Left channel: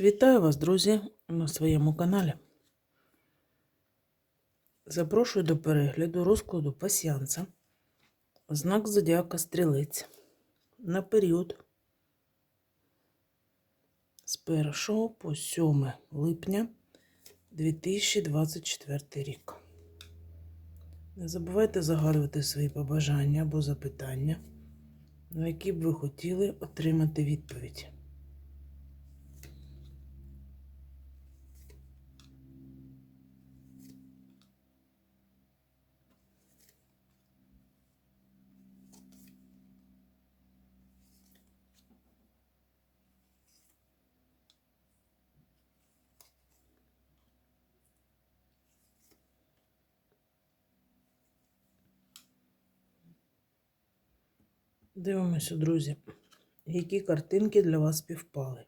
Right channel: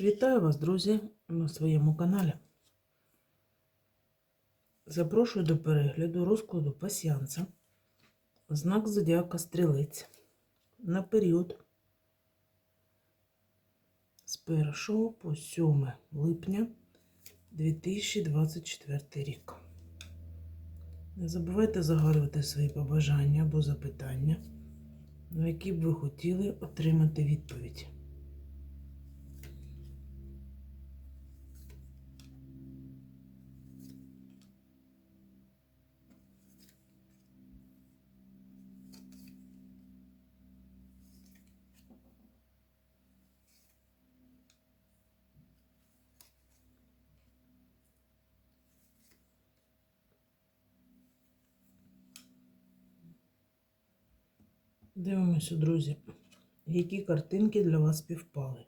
Вітаю вас, друзі, на своєму каналі. Запрошую до перегляду розкладу пасіанса. Знак Зодіака Стрілець на період з 1 по 7 липня 2024 рік. Не забувайте загадувати свої побажання або запитання, на які б ви хотіли отримати відповідь. Дивимося, друзі, які картинки для вас співпали.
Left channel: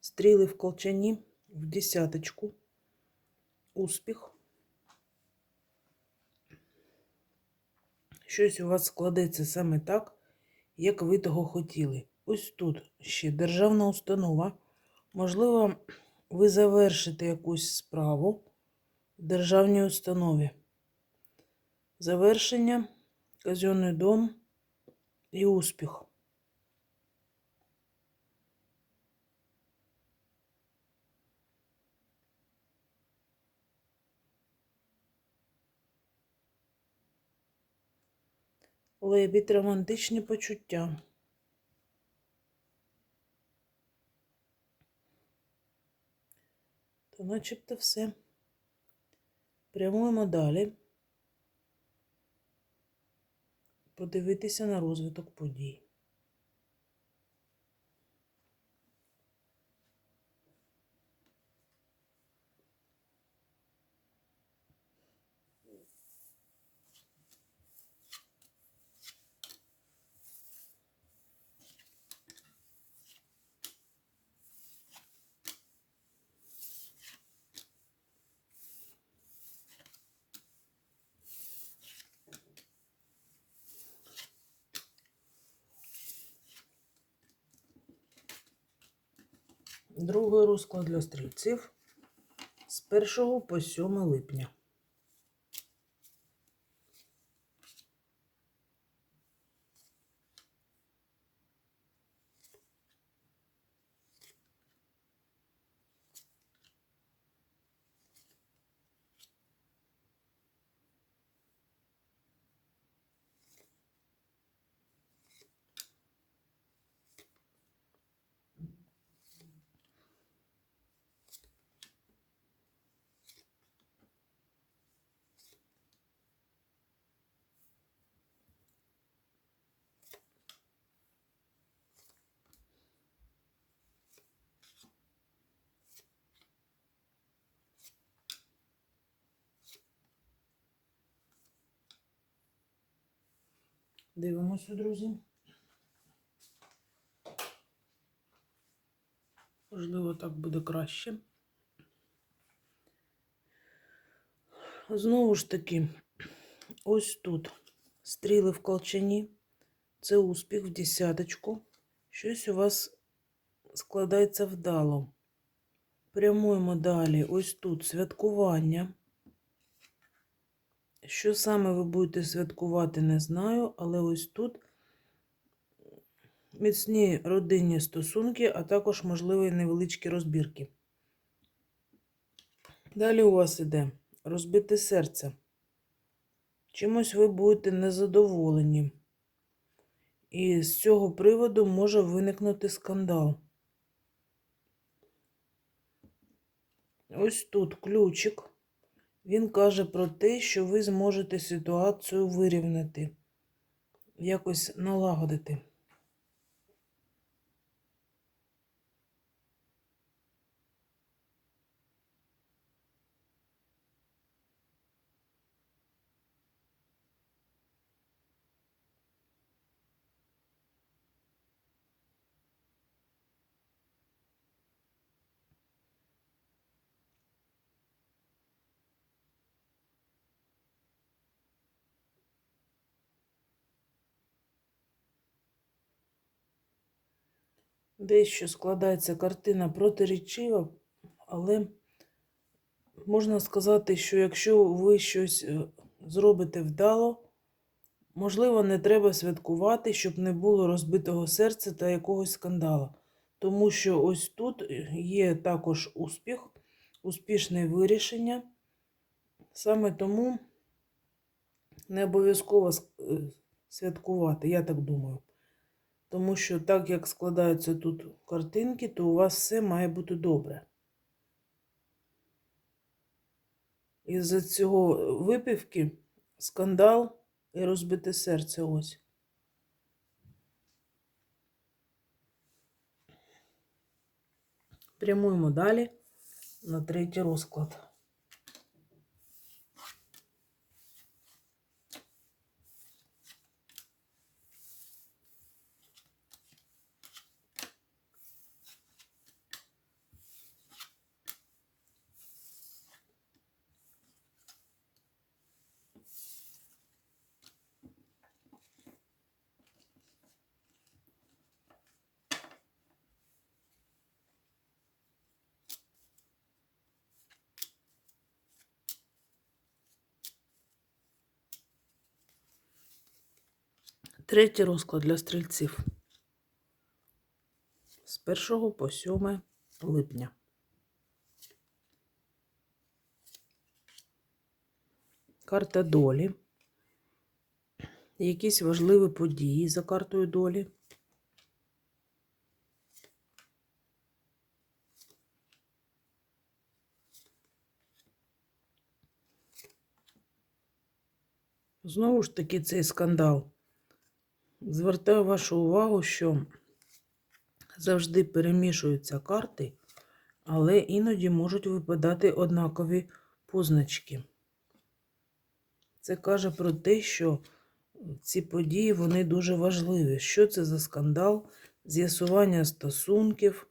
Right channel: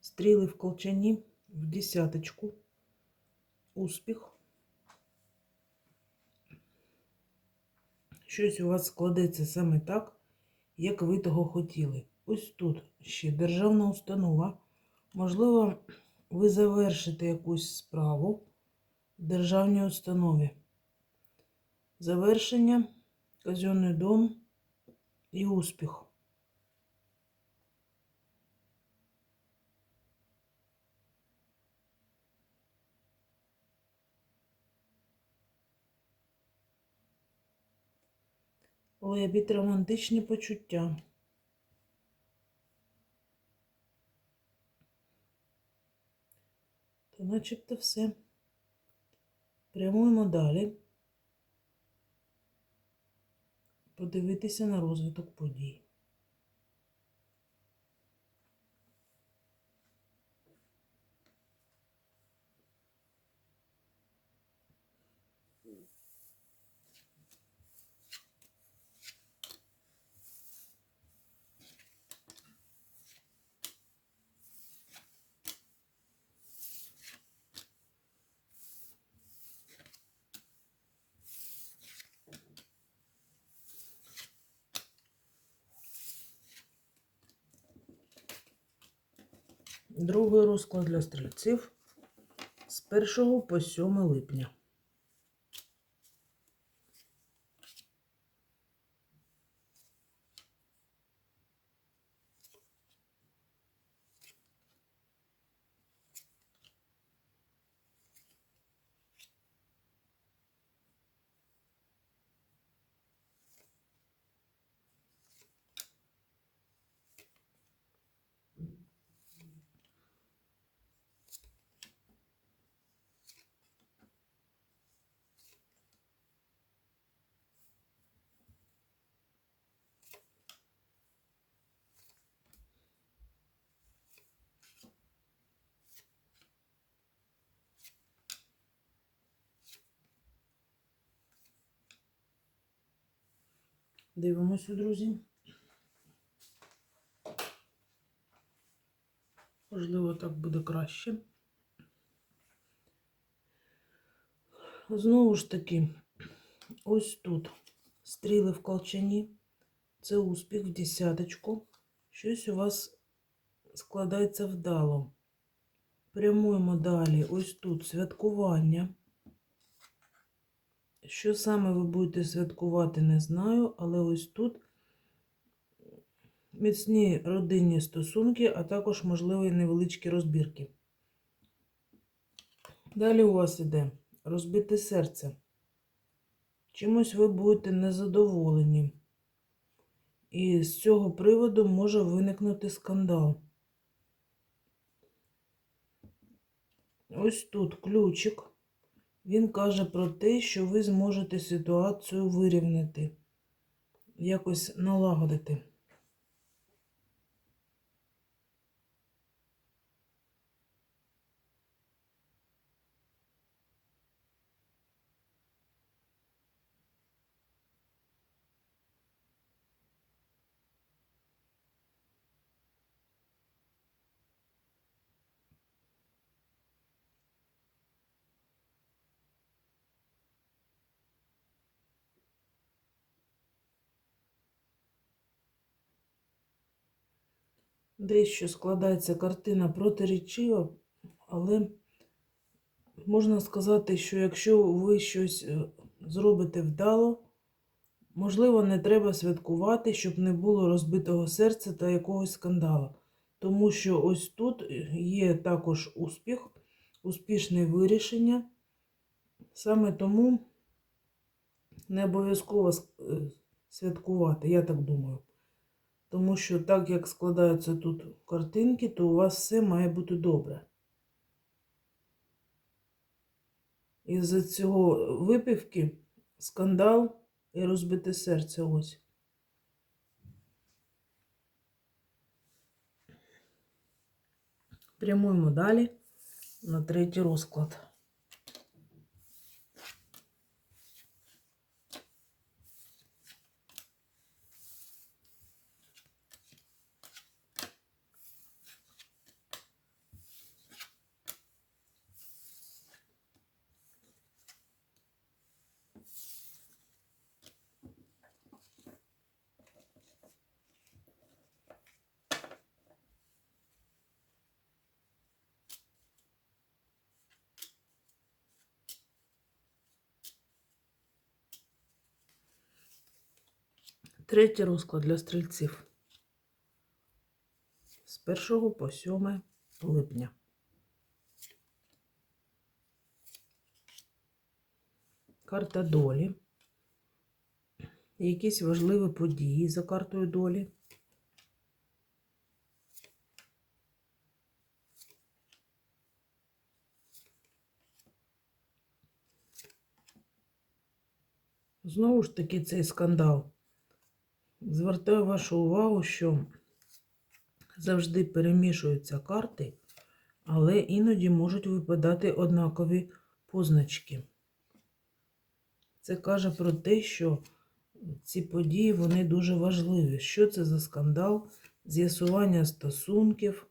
Стріли в колчані в десяточку, успіх. Щось у вас складеться саме так, як ви того хотіли. Ось тут ще державна установа. Можливо, ви завершите якусь справу в державній установі. Завершення, казенний дом і успіх. Лебідь романтичні почуття. То начебто все. Прямуємо далі. Подивитися на розвиток подій. Другий розклад для стрільців з 1 по 7 липня. Дивимося, друзі. Можливо, так буде краще. Знову ж таки, ось тут стріли в колчані. Це успіх в десяточку. Щось у вас складається вдало. Прямуємо далі. Ось тут святкування. Що саме ви будете святкувати, не знаю, але ось тут міцні родинні стосунки, а також, можливо, і невеличкі розбірки. Далі у вас іде розбите серце. Чимось ви будете незадоволені. І з цього приводу може виникнути скандал. Ось тут ключик. Він каже про те, що ви зможете ситуацію вирівняти, якось налагодити. Дещо складається картина протирічива, але можна сказати, що якщо ви щось е, зробите вдало, можливо, не треба святкувати, щоб не було розбитого серця та якогось скандалу. Тому що ось тут є також успіх, успішне вирішення. Саме тому не обов'язково е, святкувати, я так думаю. Тому що так як складаються тут картинки, то у вас все має бути добре. Із-за цього випивки скандал і розбите серце ось. Прямуємо далі на третій розклад. Третій розклад для стрільців. З 1 по 7 липня. Карта долі. Якісь важливі події за картою долі. Знову ж таки цей скандал. Звертаю вашу увагу, що завжди перемішуються карти, але іноді можуть випадати однакові позначки. Це каже про те, що ці події вони дуже важливі. Що це за скандал, з'ясування стосунків,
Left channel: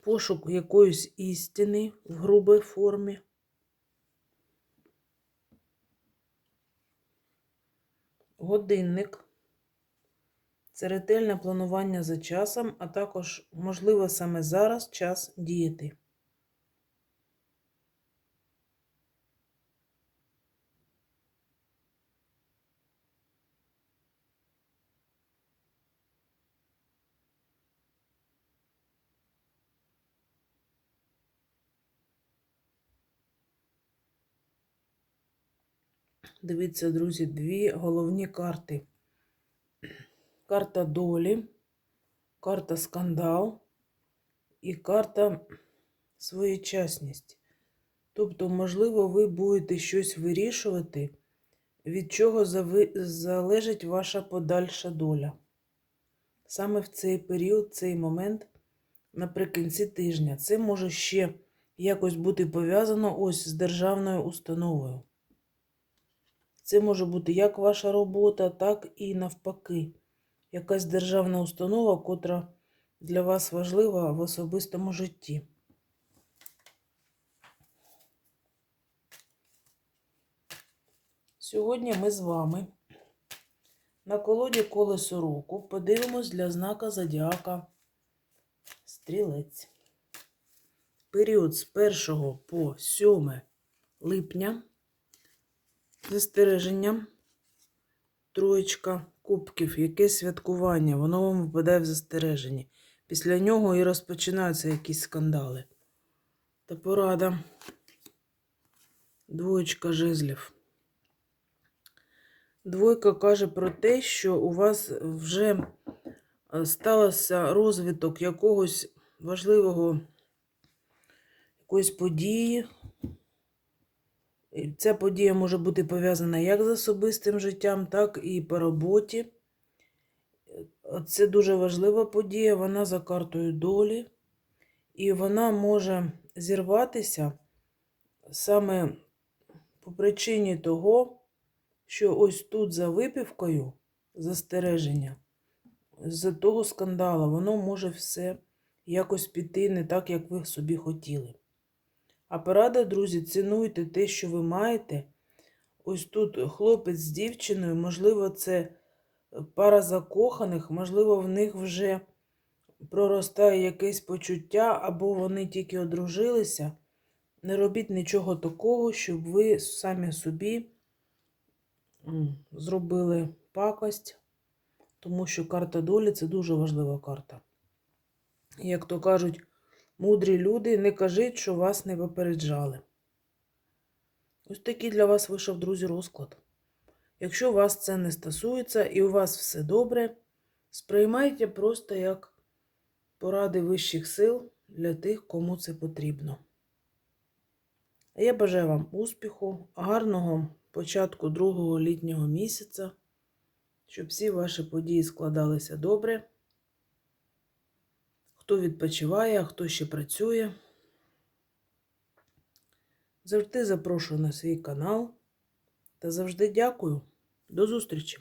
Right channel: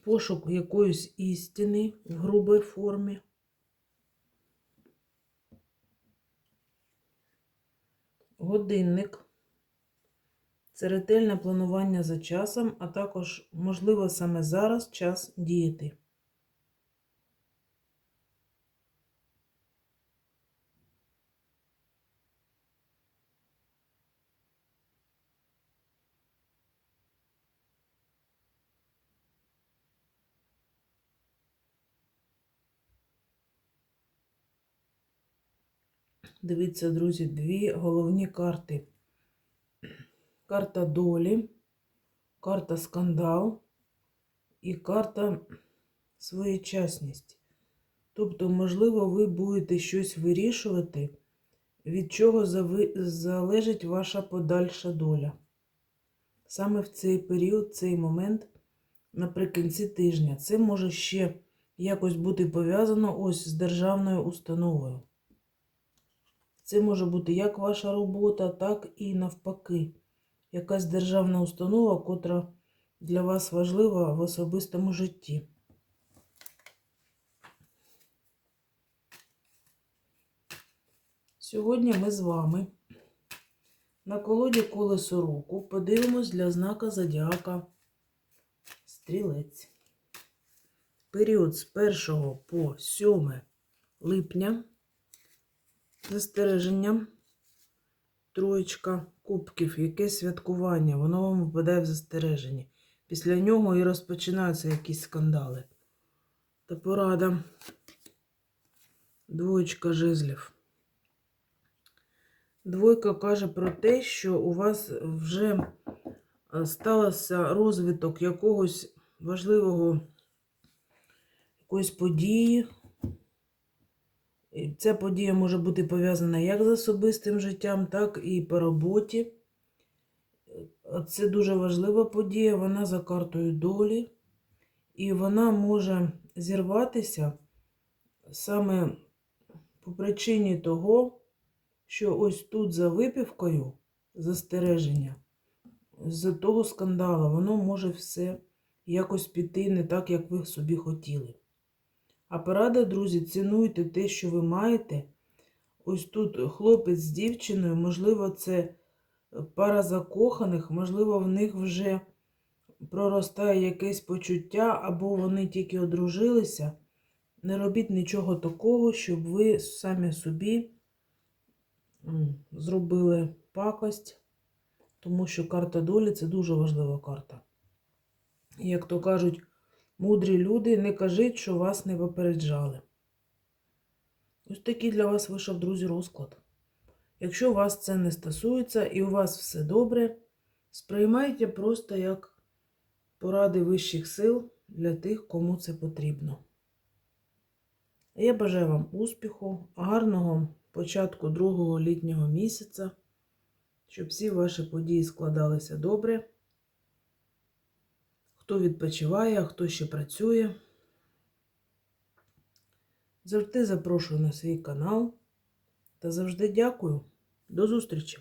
пошук якоїсь істини в грубій формі. Годинник. Це ретельне планування за часом, а також, можливо, саме зараз час діяти. Дивіться, друзі, дві головні карти. Карта долі, карта скандал і карта своєчасність. Тобто, можливо, ви будете щось вирішувати, від чого залежить ваша подальша доля. Саме в цей період, цей момент, наприкінці тижня, це може ще якось бути пов'язано ось з державною установою. Це може бути як ваша робота, так і навпаки. Якась державна установа, котра для вас важлива в особистому житті. Сьогодні ми з вами на колоді колесо року подивимось для знака зодіака Стрілець. Період з 1 по 7 липня застереження. Троєчка кубків, яке святкування, воно вам випадає в застереженні. Після нього і розпочинаються якісь скандали. Та порада. Двоєчка жезлів. Двойка каже про те, що у вас вже е, стався розвиток якогось важливого якоїсь події, Ця подія може бути пов'язана як з особистим життям, так і по роботі. Це дуже важлива подія, вона за картою долі, і вона може зірватися саме по причині того, що ось тут за випівкою застереження, з того скандалу, воно може все якось піти не так, як ви собі хотіли. А порада, друзі, цінуйте те, що ви маєте. Ось тут хлопець з дівчиною, можливо, це пара закоханих, можливо, в них вже проростає якесь почуття, або вони тільки одружилися, не робіть нічого такого, щоб ви самі собі зробили пакость, тому що карта долі це дуже важлива карта. Як то кажуть, мудрі люди, не кажіть, що вас не попереджали. Ось такий для вас вийшов, друзі, розклад. Якщо вас це не стосується і у вас все добре, сприймайте просто як поради вищих сил для тих, кому це потрібно. Я бажаю вам успіху, гарного початку другого літнього місяця, щоб всі ваші події складалися добре. Хто відпочиває, а хто ще працює. Завжди запрошую на свій канал та завжди дякую. До зустрічі!